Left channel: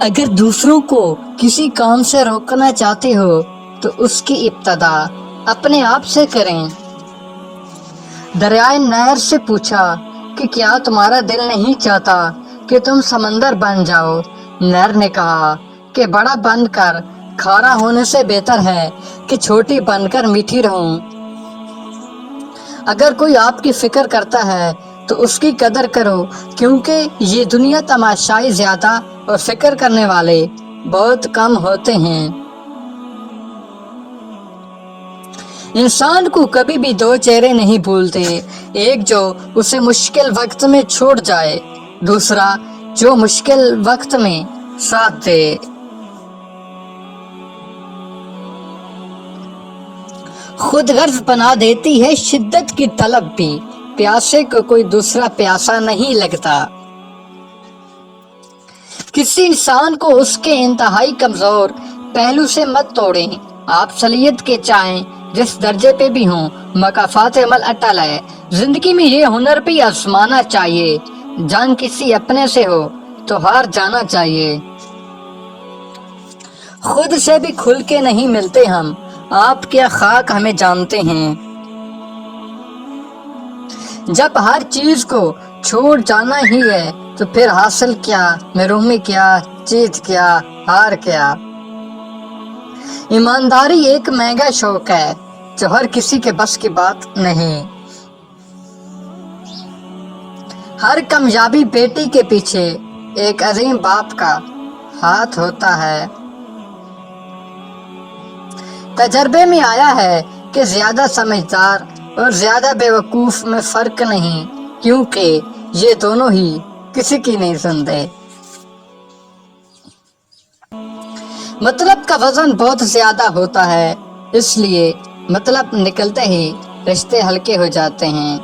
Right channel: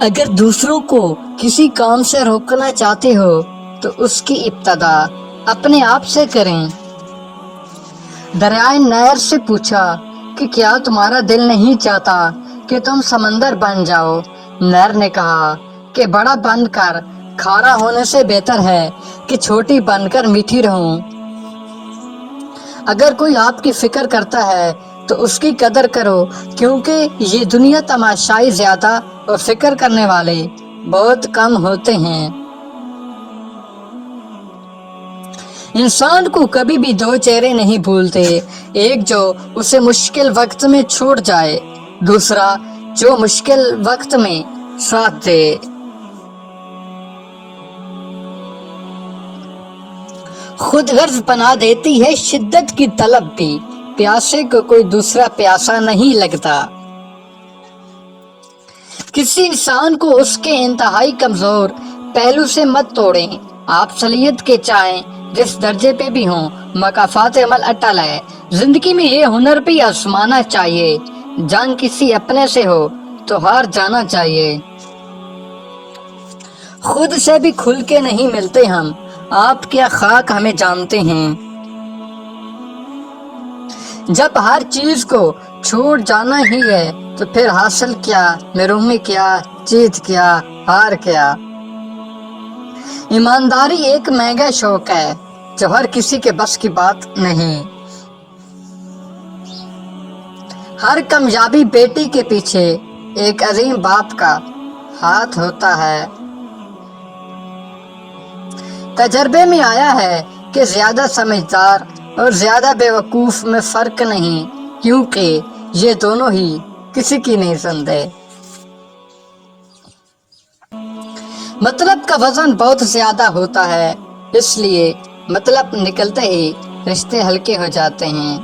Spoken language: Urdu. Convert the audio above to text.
اگر دوسروں کو کسی کام سے روکنا چاہتے ہو تو اس کی ابتدا اپنے آپ سے کریں۔ دریائے نہر سے پوچھا کہ کیا تمہارا دل نہیں چاہتا کہ تم سمندر بن جاؤ؟ نہر نے کہا کہ بڑا بن کر کھارا ہونے سے بہتر ہے کہ چھوٹی بن کر میٹھی رہوں۔ اگر کوئی آپ کی فکر کرتا ہے تو اس کی قدر کرو، کیونکہ یہ دنیا تماشائی زیادہ اور فکر کرنے والے بہت کم ہوتے ہیں۔ انسان کو کبھی بھی دو چہرے نہیں بھولتے، ایک جو اسے مشکل وقت میں چھوڑ جائے، دوسرا جو مشکل وقت میں ساتھ دے۔ خود غرض بنا دیتی ہے شدت کی طلب بھی، پیاسے کو کوئی دوسرا پیاسا نہیں لگتا۔ کسی انسان کو اس کے انتہائی کمزور پہلو سے مت توڑیں۔ آپ صلاحیت کے چاہیں جس درجے پہ بھی ہوں، مکافات عمل اٹل ہے۔ زندگی میں یہ ہنر بھی آزمانا چاہیے، جان کسی اپنے سے ہو تو ہار جانا چاہیے۔ خود سے بھی کھل کے نہیں ملتے ہم، آپ کیا خاک ہمیں جانتے ہیں۔ جب ہر چیز کو چھوڑ جانا ہی ہے تو پھر حاصل کیا، محرومی کیا، جیت کیا، ہار کیا۔ ایمانداری ایک مہنگا شوق ہے جو ہر کسی کے بس کی بات نہیں۔ ہر کامیابی بیٹی کے پیچھے ایک عظیم باپ کا ہاتھ ہوتا ہے۔ تجربے میں آیا ہے کہ زیادہ سمجھدار اور زیادہ بے وقوف میں فرق نہیں، کیونکہ یہ دونوں ہی کسی کی نہیں سنتے۔ مطلب کا وزن بہت زیادہ ہوتا ہے، اس لیے مطلب نکلتے ہی رشتے ہلکے ہو جاتے ہیں۔